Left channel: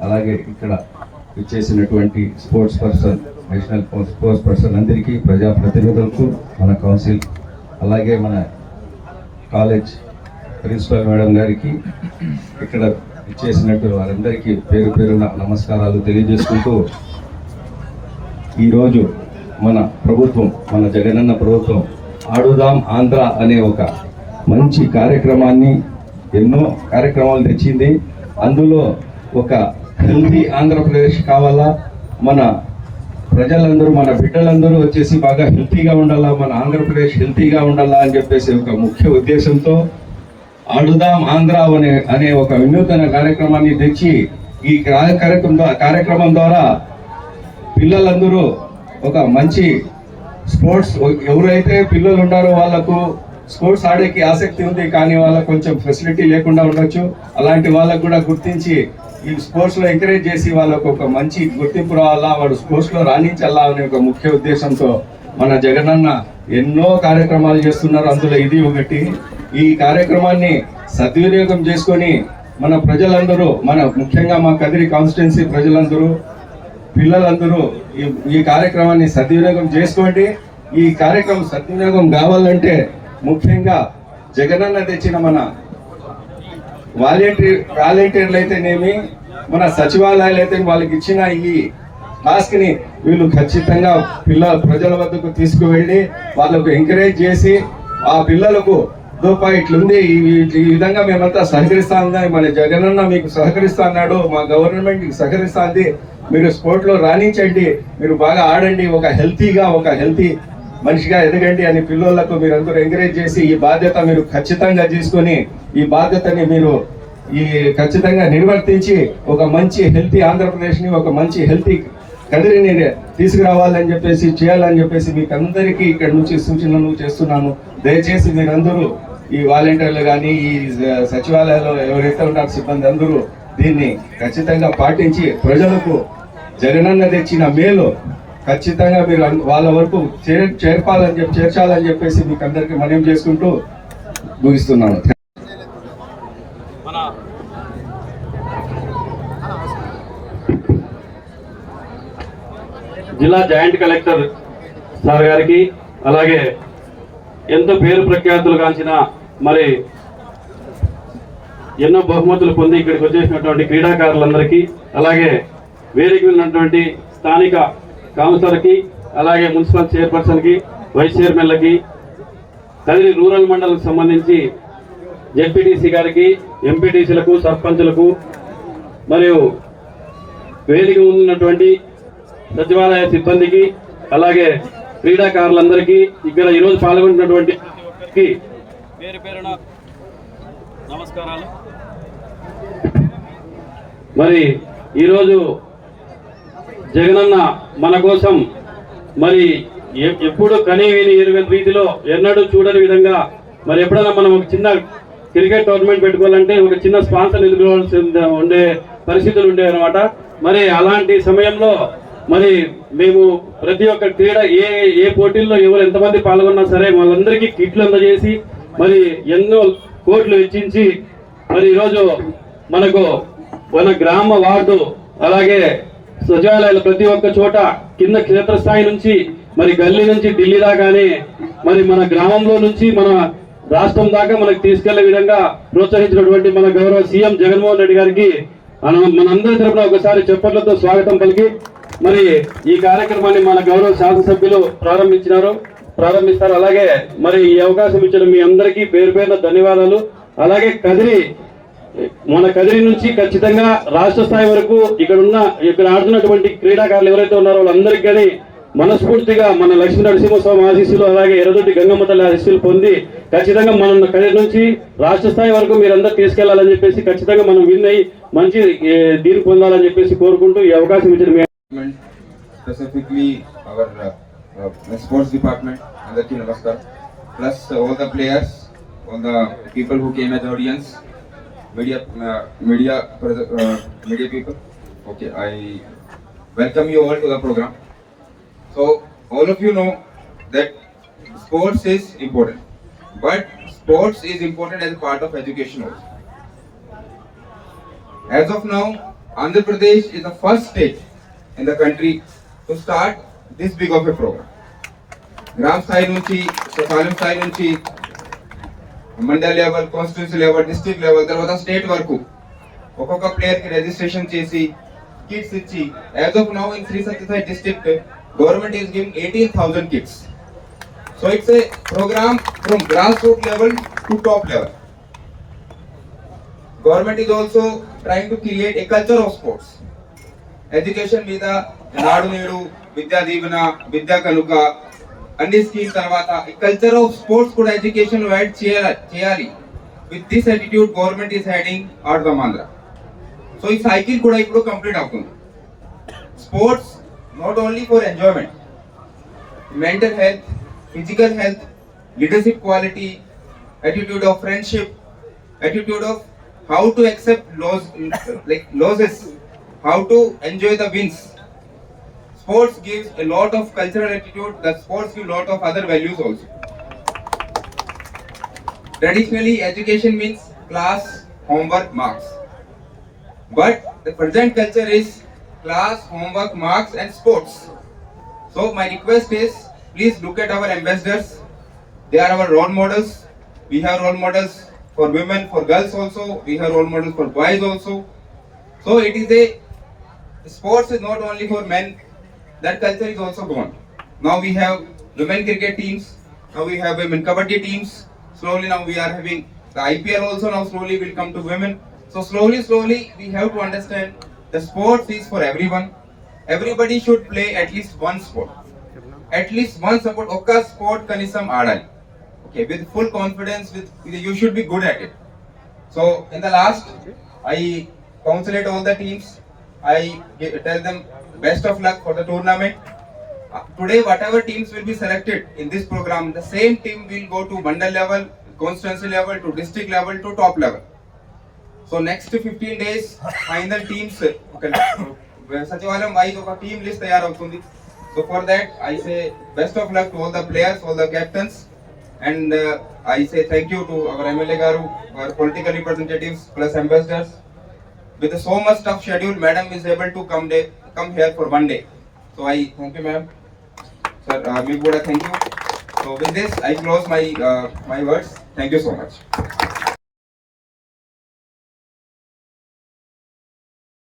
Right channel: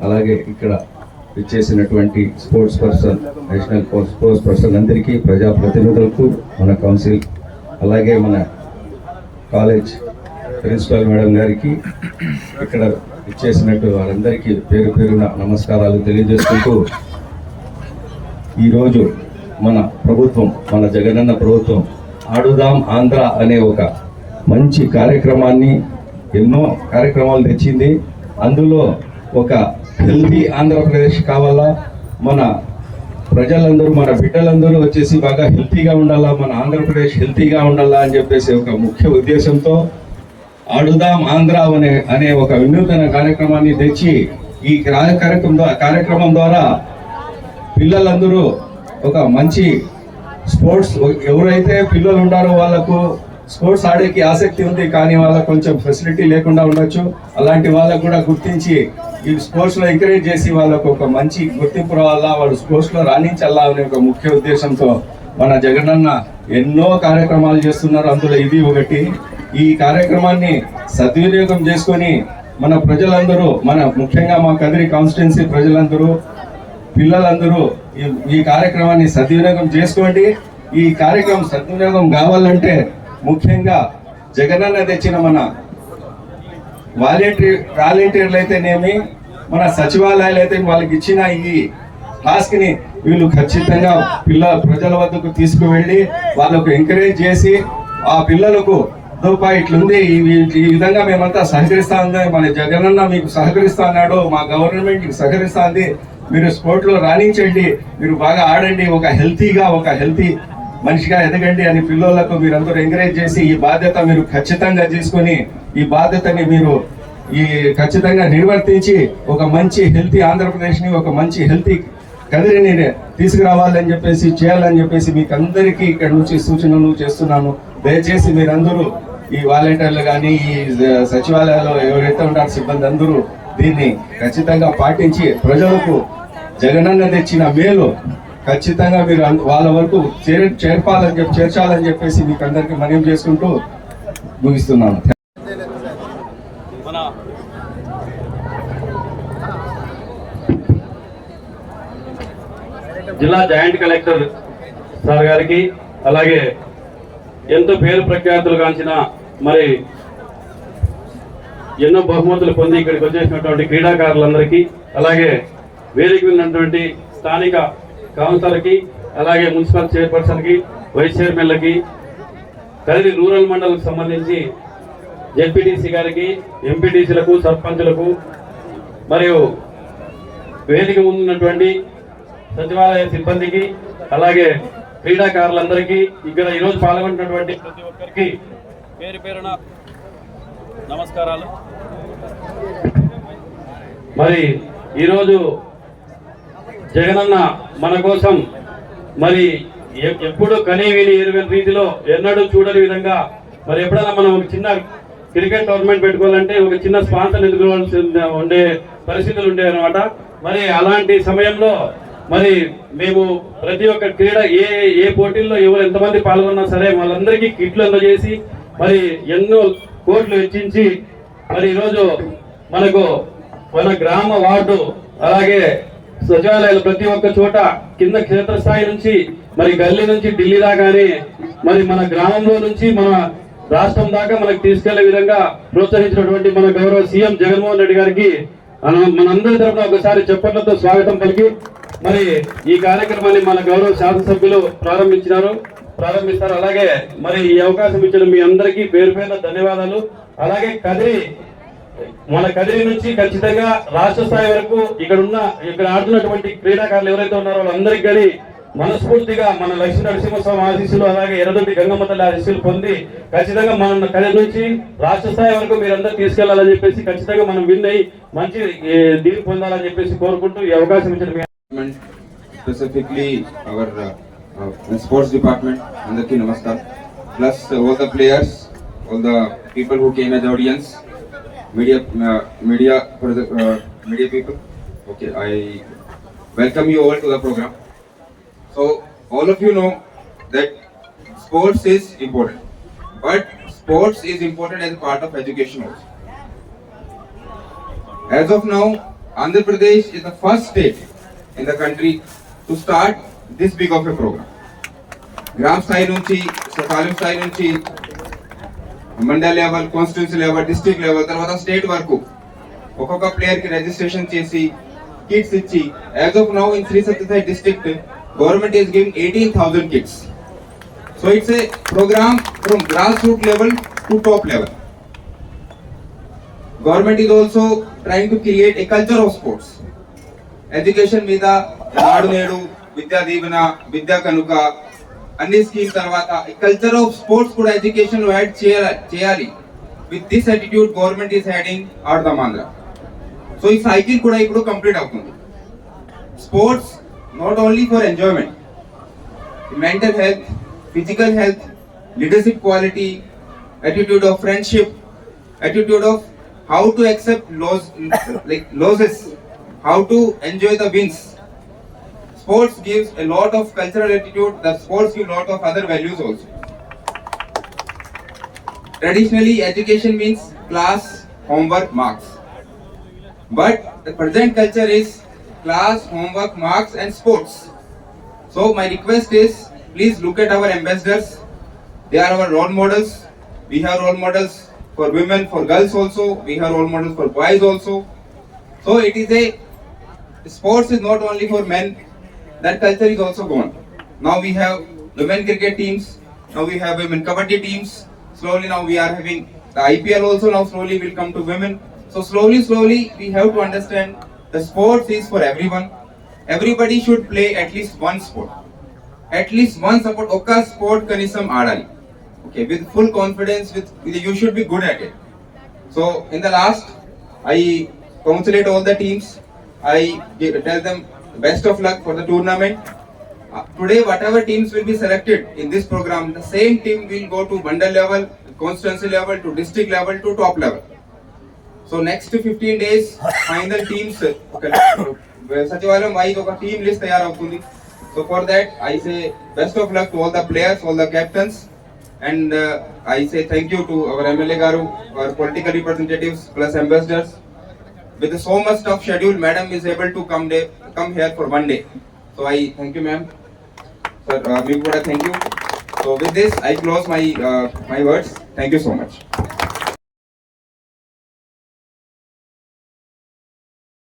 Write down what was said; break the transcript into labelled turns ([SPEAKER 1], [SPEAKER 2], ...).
[SPEAKER 1] అలాగే ఇక్కడ ఇచ్చేసినటువంటి sports person national sports person అందరికీ ప్రజాప్రతినిధులకు మన కౌన్సిల్ అలాగే మన కాలేజ్ ప్రిన్సిపల్ మేడం గారికి ఇక్కడ ఇచ్చేసినట్టు వారందరికీ పేరు పేరున నమస్కారాలు తెలియజేసుకుంటూ ఈరోజు మన ప్రభుత్వం మన జగనన్న ప్రభుత్వం ఆడుదాం ఆంధ్ర అనే ఒక మంచి కార్యక్రమాన్ని ఎన్నో కార్యక్రమాలు తెచ్చింది. అందులో ఒక హెల్తీ ఆంధ్రప్రదేశ్ కావాలా? మన ప్రజలందరూ మన బిడ్డలందరూ వచ్చేసి బాగా హెల్తీగా ఉండాలా? మన ఆంధ్రప్రదేశ్ హెల్తీగా ఉండాలా అని చెప్పేసి ఒక ముఖ్య ఉద్దేశంతో ఆడుదాం ఆంధ్ర అనే అనే ఒక వినూతన కార్యక్రమాన్ని తెచ్చి ఈ కార్యక్రమం ద్వారా- కార్యక్రమం ద్వారా పిల్లలందరూ ఒక మంచి స్పోర్ట్స్ ఎవరైతే పిల్లలు ఉన్నారో వాళ్ళకు స్పోర్ట్స్ ఆడేకి ఆసక్తి ఉంది కానీ వాళ్ళకు కొంచెం ఫెసిలిటీ లేకుండా ఉండొచ్చు. అలాంటి వాళ్ళకు కూడా గుర్తించి ఈ స్పోర్ట్స్లో ఎంకరేజ్ చేసి వాళ్ళకు ఒక మంచి గుర్తింపు రావాలా వాళ్ళు స్పోర్ట్స్లో రాణించాలా అనే ఒక ముఖ్య ఉద్దేశంతో మన జగనన్న ఎన్నో కార్యక్రమాలు చేస్తున్నారు. అందులో ఇది ఒకటి. ఈ కార్యక్రమాన్ని సద్వినియోగం చేసుకొని మన ప్రజలందరూ మన ముఖ్యంగా మా కదిరి కాన్స్టిట్యున్సీ ప్రజలందరూ పిల్లలందరూ ఈ ఈ కార్యక్రమాన్ని సద్వినియోగం చేసుకోండి. ఈ కార్యక్రమం సద్వినియోగం కావాలంటే ముఖ్యంగా జగనన్న తెచ్చిన మన వాలంటీర్ వాలంటీర్లు అయితేనేమి మన సచివాలయాలు అయితే వాళ్ళకి ఇచ్చిన ఈ టాస్క్ని వీళ్ళు ఖచ్చితంగా పిల్ల ప్రజల వద్దకు తీసుకువెళ్ళి వాళ్ళకు ఎంకరేజ్ చేసి ఆ పిల్లలకు దూపా ఇట్లుంది ఈ ఈ- విధంగా మేమంతా సహకరిస్తా ఉందా మన జగనన్న మీకు సహకరిస్తా అన్నాడు మా గవర్నమెంట్ మీకు సహకరిస్తా ఉంది. మీరు స్పోర్ట్లో రాణించండి మీరు బాగా ఆడండి ఒక హెల్తీగా ఒక హెల్తీ మనిషిగా ఎదగండి అని పిల్లలకు మీరందరూ ఎంకరేజ్ చేసి ఈ బాధ్యత మీరు ఖచ్చితంగా తీసుకొని ఈ బాధ్యతని మీరు ఈ ఖచ్చితంగా నిర్వర్తించి ఒక మంచి హెల్తీ ఆంధ్రప్రదేశ్ని ఒక మంచి హెల్తీ కదిరిని తీసుకురావాలని చెప్పేసి చేయాలని చెప్పేసి మీకు అందరికీ ఇక్కడ నుంచి సూచనలు చేస్తున్నాము. దయచేసి మీరందరూ ఈ వాలంటీర్లు కానీ ఈ సచివాలయాల్లో ఎవరైతే ఉంటారో సిబ్బంది అందరూ దీన్ని ఖచ్చితంగా పాటించి ప్రజలకు జగనన్న తెచ్చిన మేలు ఖచ్చితంగా మీరు వాళ్ళ వరకు చేర్ చేర్పాలని చెప్పి చేర్చాలని చెప్పేసి మీకు అందరికీ మనం చేసుకుంటూ ముగిస్తున్నాను.
[SPEAKER 2] మన జిల్లా జాయింట్ కలెక్టర్ సార్ గారికి అలాగే ఎంతో పేరు ప్రఖ్యాతులు కాంచిన మరి ఎన్నో బహుమతులు పొంది ఇక్కడికి వచ్చేసినటువంటి క్రీడాకారులందరికీ అలాగే వేదిక వెళ్ళినటువంటి ఉన్నటువంటి స్థానిక కౌన్సిలర్కి అలాగే మున్సిపల్ చైర్పర్సన్కి వైస్ చైర్మన్లకి కలిసి రూరల్ మండలకు సంబంధించి జెడ్పీటీసీ గారికి ఎంపీటీసీలకు సర్పంచులకు మరియు వేదిక ముందున్నటువంటి సచివాలయ సిబ్బందికి అలాగే క్రీడాకారులందరికీ ఇక్కడ ఈరోజు పాల్గొంటున్నటువంటి ప్రతి ఒక్కరికి పేరు పేరున నమస్కారాలు. మరి ఈరోజు జగనన్న మన కోసం మరి ఎప్పుడు కనీ విని ఎరుగని రీతిలో ఎన్నడూ చూడని విధంగా మరి ఎప్పుడైనా మనం ఒక చిన్న క్రికెట్ టోర్నమెంట్ పెట్టుకోవాలంటే ఒక చిన్న స్పాన్సర్ ఎదుర్కోవాల్సి ఉండే- ఉండే పరిస్థితులు ఉండేవి అనమాట మరి అలాంటి సమయంలో మరి మేము ప్రతి ఒక్క క్రీడ ఏ ఏ పోటీల్లో ఎవరు ఎంతమంది పాల్గొన్నా సరే వాళ్ళందరికీ కిట్లు అందజేసి మరి ఎన్నో కోట్లు వెచ్చించి మరి ఈరోజు మనకు మన గ్రామ వార్డు అలాగే సచివాలయాలు ప్రతి ఒక్క చోట కింద క్షేత్రస్థాయి నుంచి మరి గల్లీ నుంచి ఢిల్లీ దాకానే మరి మన గ్రామంలో నుంచి మన రాష్ట్రం దాకా మనకు తీసుకెళ్ళే విధంగా ప్రోత్సహించినటువంటి మన గౌరవ సీఎం జగన్మోహన్ రెడ్డి గారికి మన- మనందరి తరఫున ఒకసారి చెప్పట్లతో స్వాగతం పలికి మరి ఈ కార్యక్రమాన్ని మన గౌరవ శాసనసభ్యులు ప్రారంభించినారు. ప్రారంభిస్తారు. అలాగే మరి ఈ అవకాశం ఇచ్చిన మీ అందరికీ పేరు పేరున ధన్యవాదాలు. అలాగే కదిరి మన కదిరి నుంచి ఖచ్చితంగా రాష్ట్ర స్థాయి వరకు ఇక్కడ ఉన్న ఇక్కడ ఆడుతున్నటువంటి క్రీడాకారులు ఎవరైతే ఉన్నారో వాళ్ళందరికీ కానీ మనస్ఫూర్తిగా మన లక్ష్మీ నరసింహస్వామి ఆశీస్సులు అలాగే ఎర్రదొడ్డి గంగమ్మ తల్లి ఆశీస్సులు పొంది ఖచ్చితంగా మన కదిరి నుంచి రాష్ట్ర స్థాయి వరకు మీరందరూ తీసుకెళ్ళాలని చెప్పేసి ఖచ్చితంగా మనం విన్ అయ్యి మంచి దీని పొందాలని చెప్పేసి కోరుకుంటూ ఈ అవకాశం ఇచ్చిన మీ
[SPEAKER 3] department, specifically our uh, uh, sports department, Andarki Namaskar, plus uh, all the players, all audience media, uh, media, pres- uh, media people. Okay, I welcome you all to the program. So all of you know that sports is important, but sports is important as part of education also. As of now, Andhra Pradesh is the first state in the country to start this big of a program. గ్రామ స్థాయి నుంచి తాలూకు స్థాయి నుంచి mandal level constituency level district level తర్వాత state వరకు ఒక్కొక్క ప్లేయర్కి రిజిస్ట్రేషన్ చేసి కిట్స్ ఇచ్చి as of now in Shri Sathya Sai district government is giving eighteen thousand kits so it's a program from grass root level to top level government is also trying to create a culture of sports education మీద నాడు నేడు విద్యా దీవెన విద్యా కనుక అన్ని scheme తర్వాత culture of sports కూడా education add చేయాలి చేయాలి with this attitude government is heading or the Andhra so ఈ సైకిల్ కూడా ఇప్పుడు కంప్లీట్ అవుతుంది sports not only for enjoyment mental health, physical health, leadership quality, attitude of friendship, attitude of how to accept loss, like losses, how to enjoy the wins. Sports gives a lot of cultural attitude. The sports give lot of other values also. Traditionally, education means class, homework, marks. But the present culture is class, homework, marks, and sports. So my request is, please look at our ambassadors. They are our role models. We have role models for women, for girls also. We have role models for boys also. So it is a sports is not only for men. That culture is also gone. Now we have women cricket teams, now we have women kabaddi teams. Slowly now we are having the IPL also now slowly will come to women. So slowly, slowly we have to understand the sports is for everyone. Everybody should play at least one sport. At least one sport, oka sport kanisam adali. Okay, with full confidence, with you should be good at it. So in the last, I congratulate all the teams. I tell them best of luck for the tournament. Uh, today, whatever teams will be selected in this program, the same team will go to mandal level, constituency level, to district level, to top level. So next 15 days, final teams, ఒక సచివాలయం wise ఒక team list తయారవుతుంది so for that I say best of luck to all the players all the captains and I say thank you to our MLA గారు our political representatives plus ambassadors with so much tough schedule, madam is able to come day, come here for one day. So I thank you, ma'am. Sir, uh, would thank you. So with this, I close my uh, my words. Thank you so much.